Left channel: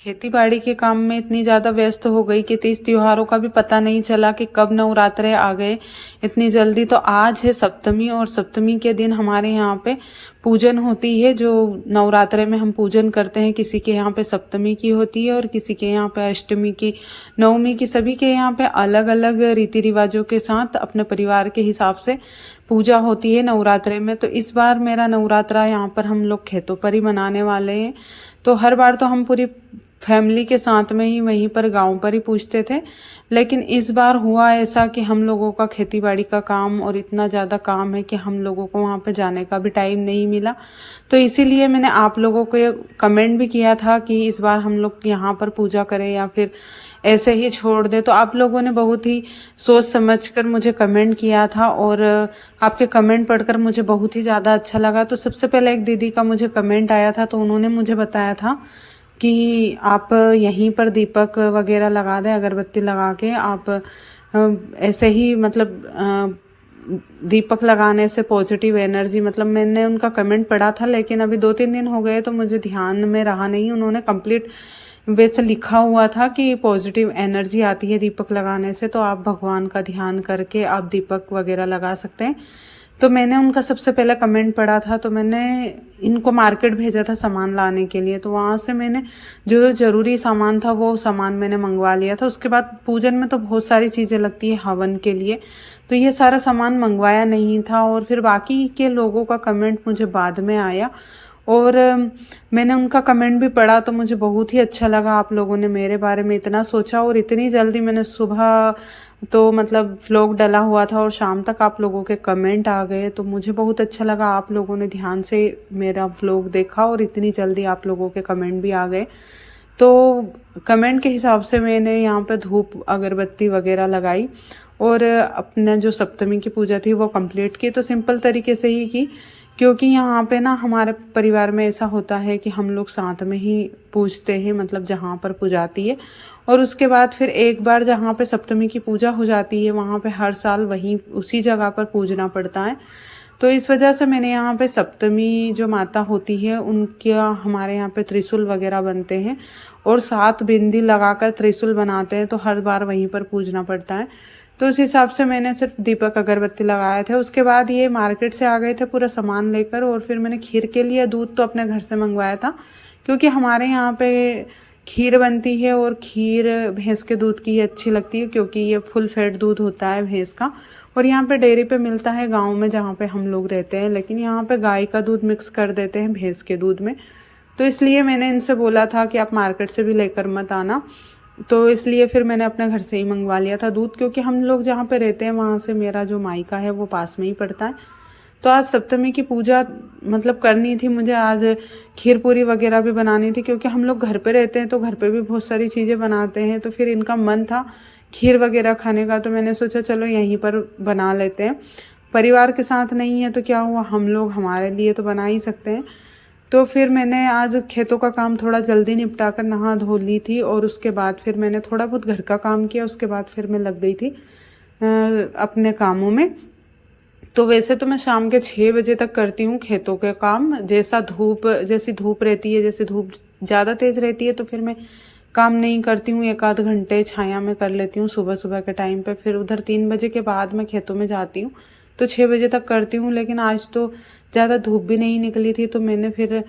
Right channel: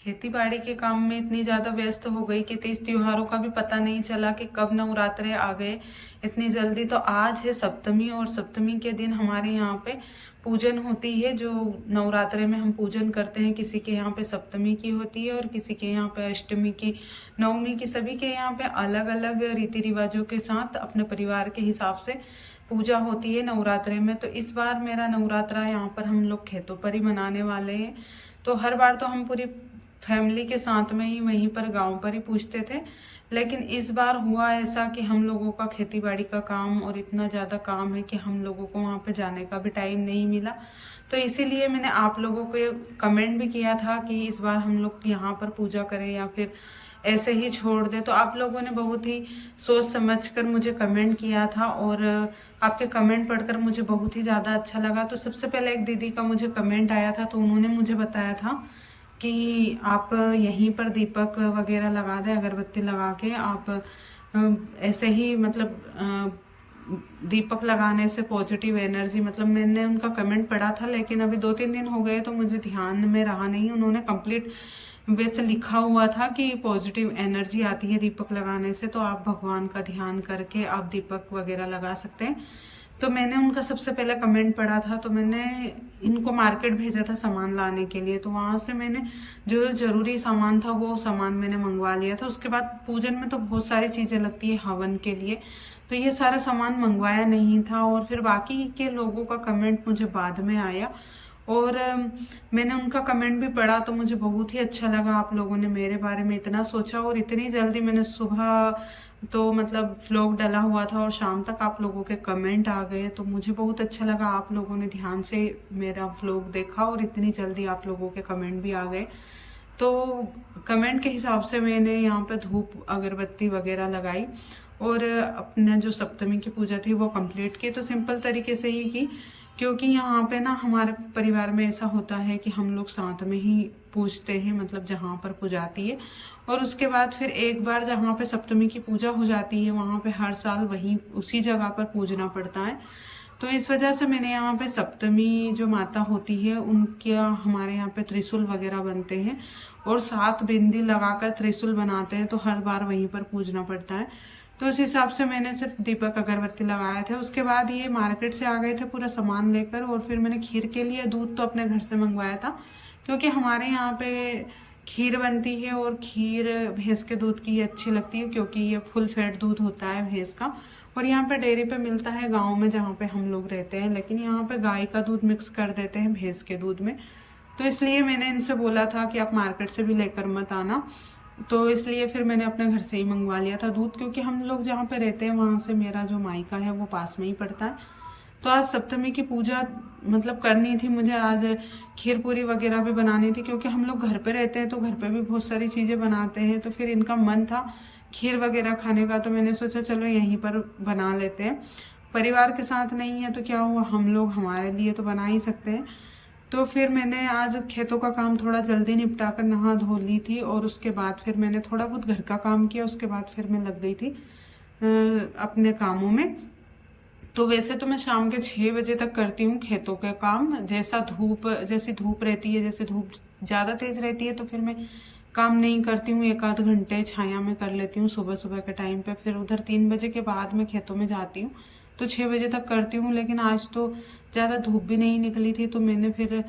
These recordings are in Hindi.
खेती बाड़ी के काम में इतनी ज़्यादा व्यस्त हो गई कि तीज त्योहारों का भी पता नहीं चला कि कब नवरात्रे आ गए इतनी जल्दी। तो आज है सप्तमी और सप्तमी के दिन हमारे यहाँ पे पूजन होती है। जो नवरात्रे में हम पूजन करते हैं, किसी के यहाँ पे सप्तमी की होती है और किसी के यहाँ पे अष्टमी की, नवमी की। सभी के यहाँ पे अलग अलग रीति रिवाजों के साथ अपने परिवार के हिसाब से पूजा होती है नवरात्रे में। तो इस बार मेरा नवरात्रा यहाँ पर हम लोग खेतों पर ही मनाने वाले हैं। तो हर बार तो हम पूरी फैमिली के साथ में ही वहीं पर गांव पर ही पूछते थे, लेकिन इस बार हुआ ऐसा कि हम लोगों का खेती बाड़ी का काम और इतना ज़्यादा काम है कि हम लोगों को वहाँ पर जाने का भी टाइम नहीं मिला। तो इसीलिए मैंने आप लोगों को कमेंट भी किया था कि इस बार हम लोग यहाँ पर पूजा करें या फिर ऐसे ही छोड़ दें। तो आप लोगों ने बहुत ही सोच समझकर मुझे कमेंट किया था और आपके कमेंट पढ़कर मुझे बहुत ही ज़्यादा अच्छा लगा। तो सबसे पहले एक दीदी का मुझे कमेंट आया था, तो उन्होंने मुझे बताया था कि आप यहीं पर दीपक वगैरह लगा दें, अगरबत्ती लगा के आप ऐसे ही मतलब दीपक लगाने से पॉजिटिव एनर्जी, मतलब मैंने उनका कमेंट पढ़ा था लेकिन अभी 2-3 दिन हो गए तो मुझे ध्यान में रहा नहीं। उन्होंने कंप्लीट वैसे लिखा हुआ था कि पॉजिटिव एनर्जी आती है दीपक लगाने से, तो आप भगवान का ध्यान करके आप दीपक वगैरह लगा सकते हैं। तो मैंने उनका सबसे पहला कमेंट पढ़ा था, तो मैंने इनको मार्केट भेजा था सामान लाने के लिए। तो वहाँ से मैंने जो ज़रूरी सामान था वो सामान मैंने मंगवा लिया था। उसके बाद पूजन में तो बहुत सारी चीज़ें लगती है हवन के लिए, तो ये सारा सामान मंगवाया नहीं था। और फिर बाकी के लोगों का कमेंट मुझे बाद में आया और मैंने उनका कमेंट भी पढ़ा, तो मुझे बहुत ही अच्छा लगा। आप लोगों ने मेरे बारे में इतना सोचा और इतनी जल्दी मैंने सुबह तो मतलब व्लॉग डला हुआ था और शाम तक आप लोगों के कमेंट आ गए, तो मुझे बहुत अच्छा लगा। आप लोगों ने ध्यान से मेरा व्लॉग देखा और इतनी जल्दी आप लोगों के कमेंट भी आ गए। तो कमेंट के हिसाब से मैंने यहाँ पे धूप अगरबत्ती वगैरह लगाई और अपने जो सप्तमी की पूजा थी वो कंप्लीट की। तो सिंपल तरीके से ही की, क्योंकि यहाँ पे ना हमारे परिवार में ऐसा होता है कि हम लोग साथ में ही पूजते हैं, मतलब जहाँ पर पूजाती है। और उसके बाद फिर एक बार जहाँ पे सप्तमी की पूजा हो जाती है वहाँ पे हर साल वहीं उसी जगह पर पूजना पड़ता है। तो इस वजह से मैंने यहाँ पे सप्तमी जो माता होती है उनका हमारे यहाँ पे त्रिशूल वगैरह बनते हैं और 7 बिंदी लगाकर त्रिशूल बनाते हैं, तो हर बार वहीं पर पूजना पड़ता है। तो उस हिसाब से मैंने सिर्फ दीपक अगरबत्ती लगाए थे। उसके बाद ये मार्केट से आ गए थे पूरा सामान लेकर और फिर मैंने खीर के लिए दूध तो अपने घर से मंगवाया था, क्योंकि हमारे यहाँ पे खीर बनती है और खीर भैंस के दूध की ही अच्छी लगती है, क्योंकि ये फुल फैट दूध होता है भैंस का। और यहाँ पे डेयरी पे मिलता है गांव में जहाँ पे हम लोग रहते हैं, लेकिन यहाँ पे गाय का दूध मिक्स कर देते हैं भैंस के दूध में। तो इसलिए मैंने इनसे बोला था कि आप मार्केट से भी लेकर मत आना, तो इसलिए फिर मैंने अपने घर से ही मंगवा लिया था दूध, क्योंकि हम लोग जहाँ पे रहते हैं वहाँ से मेरा जो मायका है वो पास में ही पड़ता है। तो आज सप्तमी की पूजा मतलब करनी थी मुझे, आज खीर पूरी वगैरह भी बनानी थी, क्योंकि हम लोग घर पे रहते हैं तो घर पे भी बहुत सारी चीज़ें बनाते हैं। तो फिर इनका मन था खीर वगैरह खाने का, तो मैंने सोचा चलो यहीं पर बना लेते हैं। परिवार के साथ नहीं है तो क्या हुआ, हम लोग हमारे लिए तो बना ही सकते हैं। तो फिर मैंने आज खेतों का काम थोड़ा जल्दी निपटा कर नहा धो ली थी और उसके बाद फिर मैंने थोड़ा बहुत घर का काम किया। उसके बाद फिर मैं लग गई थी अपने कामों में। तो वैसे तो मैं शाम के 6 बजे तक करती हूँ खेतों के काम, जैसी धूप रहती है, जैसे धूप ज़्यादा तेज़ रहती है तो फिर मैं काम नहीं करती हूँ, 1-आध घंटे छाया में कर लेती हूँ सुबह सुबह के टाइम पे। फिर उधर 3 बजे के बाद मैं खेतों में जाती हूँ, तो 6 बजे तक करती हूँ। लेकिन आज तो ज़्यादा धूप भी नहीं निकली थी, तो मैंने फिर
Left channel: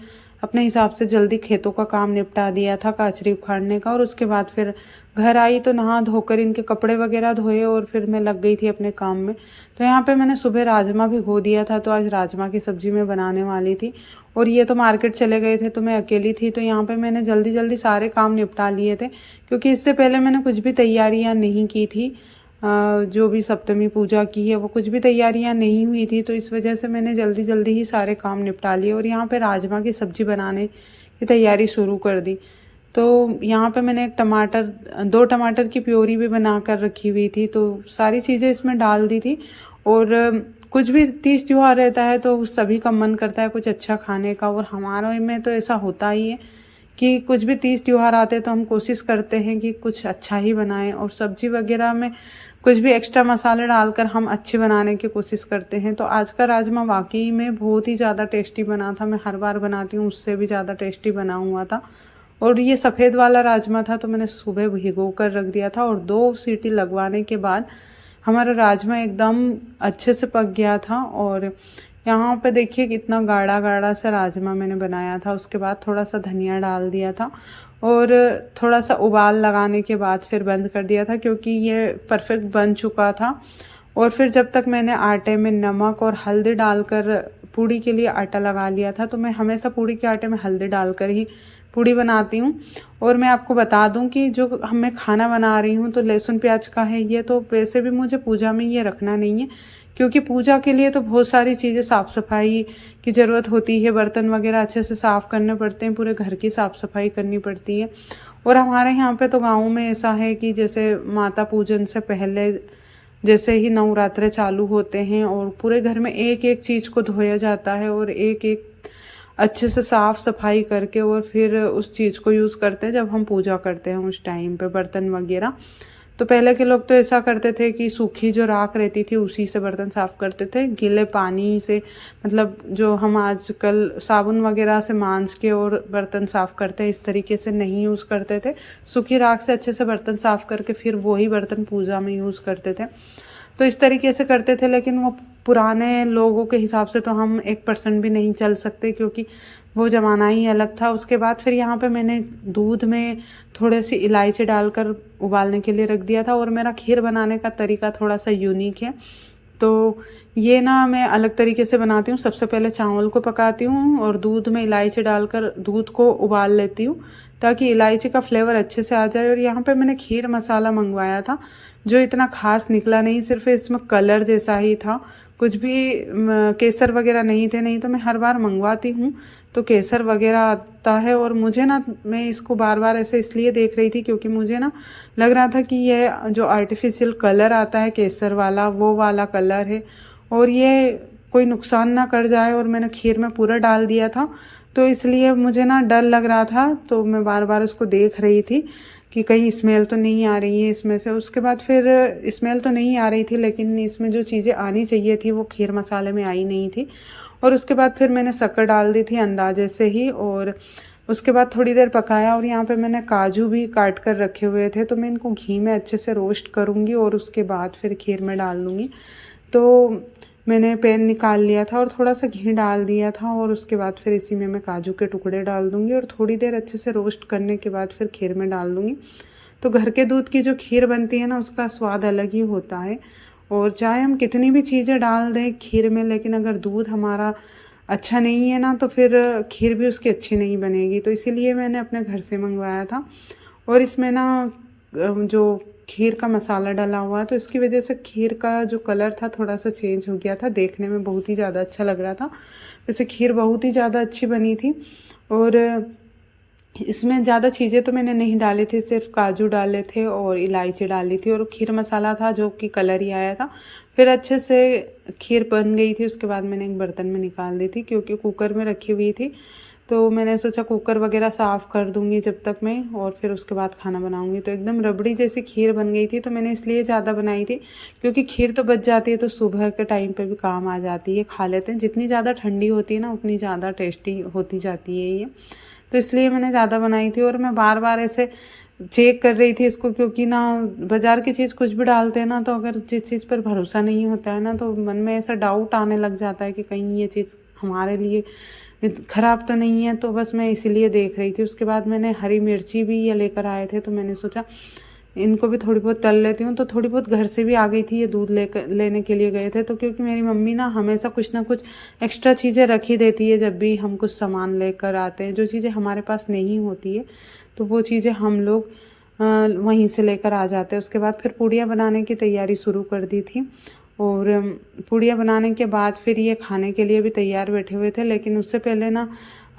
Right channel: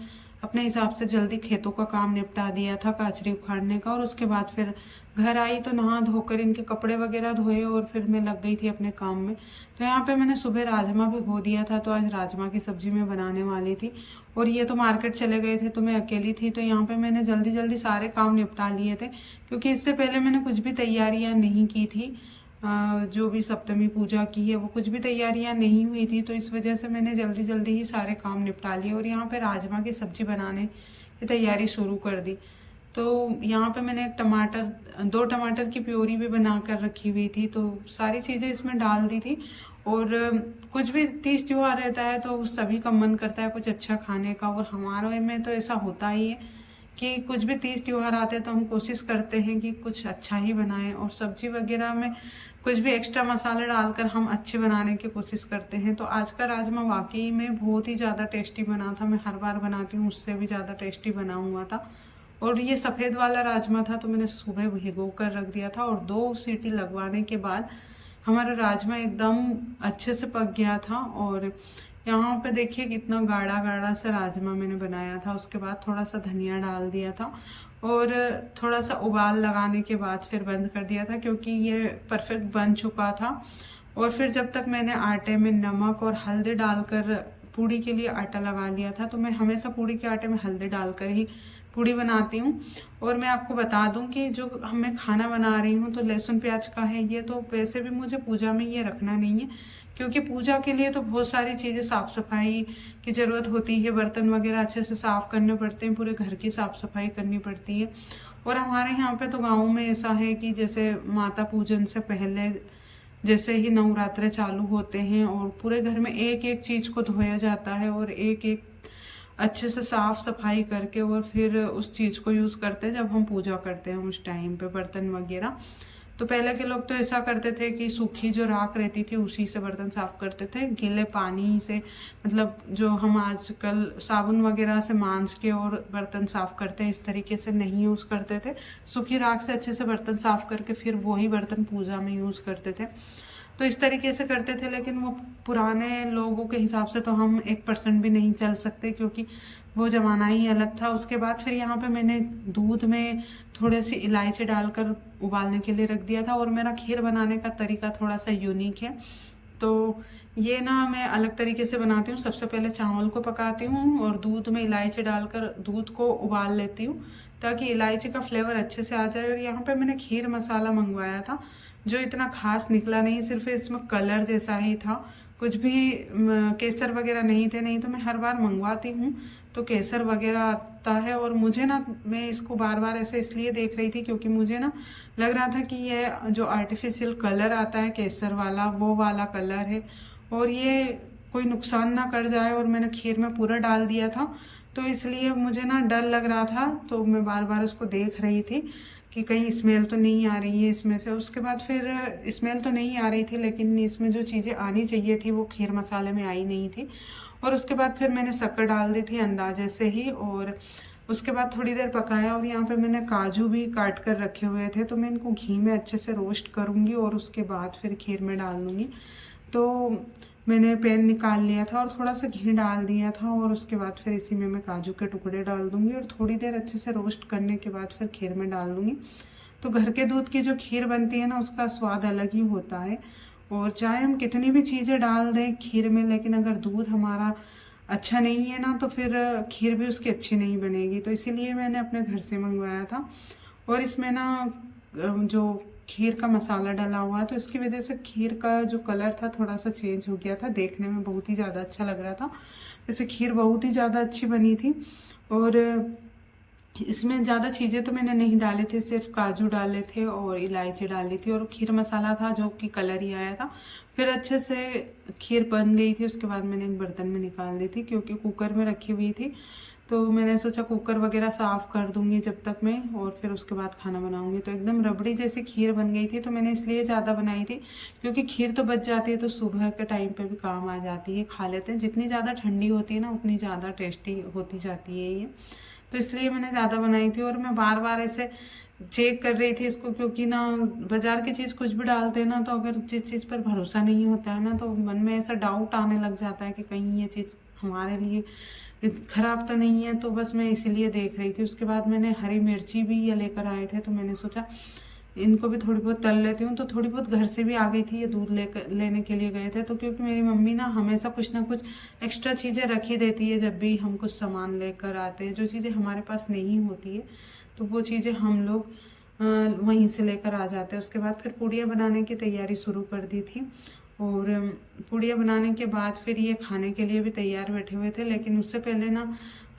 अपने हिसाब से जल्दी खेतों का काम निपटा दिया था, काचरी उखाड़ने का। और उसके बाद फिर घर आई तो नहा धोकर इनके कपड़े वगैरह धोए और फिर मैं लग गई थी अपने काम में। तो यहाँ पे मैंने सुबह राजमा भिगो दिया था, तो आज राजमा की सब्जी मैं बनाने वाली थी। और ये तो मार्केट चले गए थे तो मैं अकेली थी, तो यहाँ पे मैंने जल्दी जल्दी सारे काम निपटा लिए थे, क्योंकि इससे पहले मैंने कुछ भी तैयारियाँ नहीं की थी। जो भी सप्तमी पूजा की है वो कुछ भी तैयारियां नहीं हुई थी, तो इस वजह से मैंने जल्दी जल्दी ही सारे काम निपटा लिए और यहाँ पे राजमा की सब्जी बनाने की तैयारी शुरू कर दी। तो यहाँ पे मैंने 2 टमाटर की प्योरी भी बना कर रखी हुई थी, तो सारी चीज़ें इसमें डाल दी थी। और कुछ भी तीज त्योहार रहता है तो सभी का मन करता है कुछ अच्छा खाने का, और हमारे में तो ऐसा होता ही है कि कुछ भी तीज त्योहार आते हैं तो हम कोशिश करते हैं कि कुछ अच्छा ही बनाएं, और सब्जी वगैरह में कुछ भी एक्स्ट्रा मसाले डालकर हम अच्छे बनाने की कोशिश करते हैं। तो आज का राजमा वाकई में बहुत ही ज़्यादा टेस्टी बना था, मैं हर बार बनाती हूँ उससे भी ज़्यादा टेस्टी बना हुआ था। और ये सफ़ेद वाला राजमा था तो मैंने सुबह भिगो कर रख दिया था और 2 सीटी लगवाने के बाद हमारा राजमा एकदम अच्छे से पक गया था। और यहाँ पे देखिए कितना गाढ़ा गाढ़ा सा राजमा मैंने बनाया था। उसके बाद थोड़ा सा धनिया डाल दिया था और थोड़ा सा उबाल लगाने के बाद फिर बंद कर दिया था, क्योंकि ये परफेक्ट बन चुका था। और फिर जब तक मैंने आटे में नमक और हल्दी डालकर पूड़ी के लिए आटा लगा लिया था, तो मैं हमेशा पूड़ी के आटे में हल्दी डालकर ही पूड़ी बनाती हूँ। और मैं आपको बता दूं कि जो मैं खाना बना रही हूँ तो लहसुन प्याज का है ये, तो वैसे भी मुझे पूजा में ये रखना नहीं है, क्योंकि पूजा के लिए तो बहुत सारी चीज़ें साफ़ सफाई की ज़रूरत होती है। बर्तन वगैरह अच्छे से साफ़ करने पड़ते हैं, पूरे घर की साफ़ सफाई करनी पड़ती है। और हमारे यहाँ पे तो गाँव में ऐसा है कि जैसे माता पूजन से पहले जैसे ही नवरात्रे चालू होते हैं और पूरे घर में एक एक चीज़ को धोया जाता है और एक एक अच्छे से साफ़ सफाई करके और फिर उस चीज़ को यूज़ करते हैं जब हम पूजा करते हैं उस टाइम पे बर्तन वगैरह। तो पहले के लोग तो ऐसा करते थे कि सूखी जो राख रहती थी उसी से बर्तन साफ़ करते थे, गीले पानी से, मतलब जो हम आजकल साबुन वगैरह से मांज के और बर्तन साफ़ करते हैं इस तरीके से नहीं यूज़ करते थे। सूखी राख से अच्छे से बर्तन साफ़ करके फिर वही बर्तन पूजा में यूज़ करते थे। तो इस तरीके से करते थे, लेकिन वो पुराने लोगों के हिसाब से तो हम 1% भी नहीं चल सकते, क्योंकि वो ज़माना ही अलग था। उसके बाद फिर यहाँ पे मैंने दूध में थोड़ी सी इलायची डालकर उबालने के लिए रख दिया था। और मेरा खीर बनाने का तरीका थोड़ा सा यूनिक है, तो ये ना मैं अलग तरीके से बनाती हूँ। सबसे पहले चावल को पकाती हूँ और दूध में इलायची डालकर दूध को उबाल लेती हूँ ताकि इलायची का फ्लेवर अच्छे से आ जाए। और यहाँ पे मैंने खीर मसाला मंगवाया था जो इतना खास निकला नहीं, सिर्फ इसमें कलर जैसा ही था, कुछ भी केसर वगैरह नहीं थे। नहीं तो मैं हर बार मंगवाती हूँ तो केसर वगैरह आता है। और मुझे ना, मैं इसको बार बार ऐसे इसलिए देख रही थी क्योंकि मुझे ना लग रहा था कि ये जो आर्टिफिशियल कलर आता है केसर वाला, वो वाला कलर है और ये कोई नुकसान ना कर जाए। और मैंने खीर में पूरा डाल दिया था तो इसलिए मुझे ना डर लग रहा था, तो मैं बार बार उसको देख रही थी कि कहीं स्मेल तो नहीं आ रही है इसमें से। उसके बाद फिर स्मेल तो नहीं आ रही थी, लेकिन इसमें जो चीज़ें आनी चाहिए थी वो खीर मसाले में आई नहीं थी। और उसके बाद फिर मैंने शक्कर डाल दी थी अंदाजे से ही, और उसके बाद थोड़ी देर पकाया। और यहाँ पे मैंने काजू भी काट कर रखे हुए थे, तो मैं इनको घी में अच्छे से रोस्ट करूँगी और उसके बाद फिर खीर में डाल दूँगी। तो मैंने पैन निकाल लिया था और थोड़ा सा घी डाल दिया था और उसके बाद फिर इसी में मैं काजू के टुकड़े डाल दूँगी और थोड़ी देर अच्छे से रोस्ट करने के बाद फिर खीर में डाल दूँगी। तो घर के दूध की जो खीर बनती है ना, उसका स्वाद अलग ही होता है। और चाहे हम कितनी भी चीज़ें डाल दें खीर में, लेकिन अगर दूध हमारा अच्छा नहीं है ना तो फिर खीर भी उसकी अच्छी नहीं बनेगी। तो इसीलिए मैंने अपने घर से मंगवाया था। और इसमें ना जो खीर का मसाला डाला हुआ है तो इसकी वजह से खीर का जो कलर था थोड़ा सा चेंज हो गया था, देखने में बहुत ही ज़्यादा अच्छा लग रहा था। वैसे खीर बहुत ही ज़्यादा अच्छी बनी थी। और इसमें ज़्यादा चीज़ें तो मैंने नहीं डाली थी, सिर्फ काजू डाले थे और इलायची डाली थी और खीर मसाला था जो कि कलर ही आया था। फिर अच्छे से खीर बन गई थी। उसके बाद मैंने एक बर्तन में निकाल दी थी क्योंकि कुकर में रखी हुई थी, तो मैंने सोचा कुकर वगैरह साफ़ कर दूंगी जब तक मैं, और फिर उसके बाद खाना बनाऊंगी। तो एकदम रबड़ी जैसी खीर बन गई थी। तो मैंने इसलिए ज़्यादा बनाई थी क्योंकि खीर तो बच जाती है तो सुबह के टाइम पे भी काम आ जाती है, खा लेते हैं। जितनी ज़्यादा ठंडी होती है ना उतनी ज़्यादा टेस्टी होती जाती है ये, तो इसलिए मैंने ज़्यादा बनाई थी। और मैं बार बार ऐसे चेक कर रही थी इसको, क्योंकि ना बाज़ार की चीज़ कुछ भी डालते हैं ना, तो अगर जिस चीज़ पर भरोसा नहीं होता है ना तो मन में ऐसा डाउट आने लग जाता है कि कहीं ये चीज़ हमारे लिए ख़राब तो नहीं है। तो बस मैं इसीलिए देख रही थी। उसके बाद मैंने हरी मिर्ची भी ये लेकर आए थे, तो मैंने सोचा इनको भी थोड़ी बहुत तल लेती हूँ। तो थोड़ी बहुत घर से भी आ गई थी, ये दूध लेने के लिए गए थे। तो क्योंकि मेरी मम्मी ना हमेशा कुछ ना कुछ एक्स्ट्रा चीज़ें रखी देती है जब भी हम कुछ सामान लेकर आते हैं, जो चीज़ें हमारे पास नहीं होती है तो वो चीज़ें हम लोग वहीं से लेकर आ जाते हैं। उसके बाद फिर पूड़ियाँ बनाने की तैयारी शुरू कर दी थी। और पूड़ियाँ बनाने के बाद फिर ये खाने के लिए भी तैयार बैठे हुए थे। लेकिन उससे पहले ना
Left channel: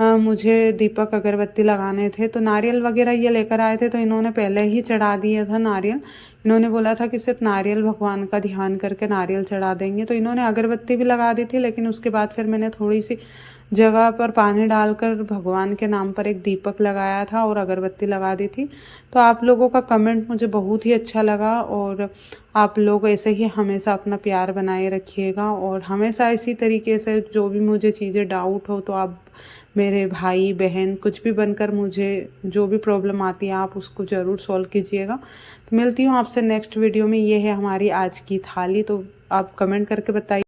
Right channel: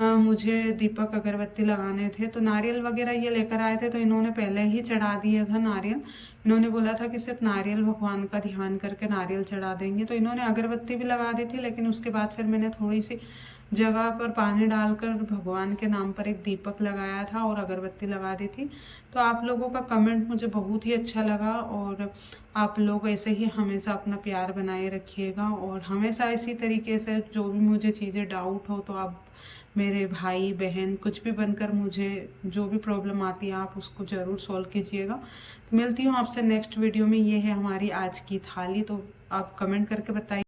मुझे दीपक अगरबत्ती लगाने थे, तो नारियल वगैरह ये लेकर आए थे, तो इन्होंने पहले ही चढ़ा दिया था नारियल। इन्होंने बोला था कि सिर्फ नारियल भगवान का ध्यान करके नारियल चढ़ा देंगे, तो इन्होंने अगरबत्ती भी लगा दी थी। लेकिन उसके बाद फिर मैंने थोड़ी सी जगह पर पानी डालकर भगवान के नाम पर एक दीपक लगाया था और अगरबत्ती लगा दी थी। तो आप लोगों का कमेंट मुझे बहुत ही अच्छा लगा, और आप लोग ऐसे ही हमेशा अपना प्यार बनाए रखिएगा। और हमेशा इसी तरीके से जो भी मुझे चीज़ें डाउट हो तो आप मेरे भाई बहन कुछ भी बनकर मुझे जो भी प्रॉब्लम आती है आप उसको ज़रूर सॉल्व कीजिएगा। तो मिलती हूँ आपसे नेक्स्ट वीडियो में। ये है हमारी आज की थाली, तो आप कमेंट करके बताइए।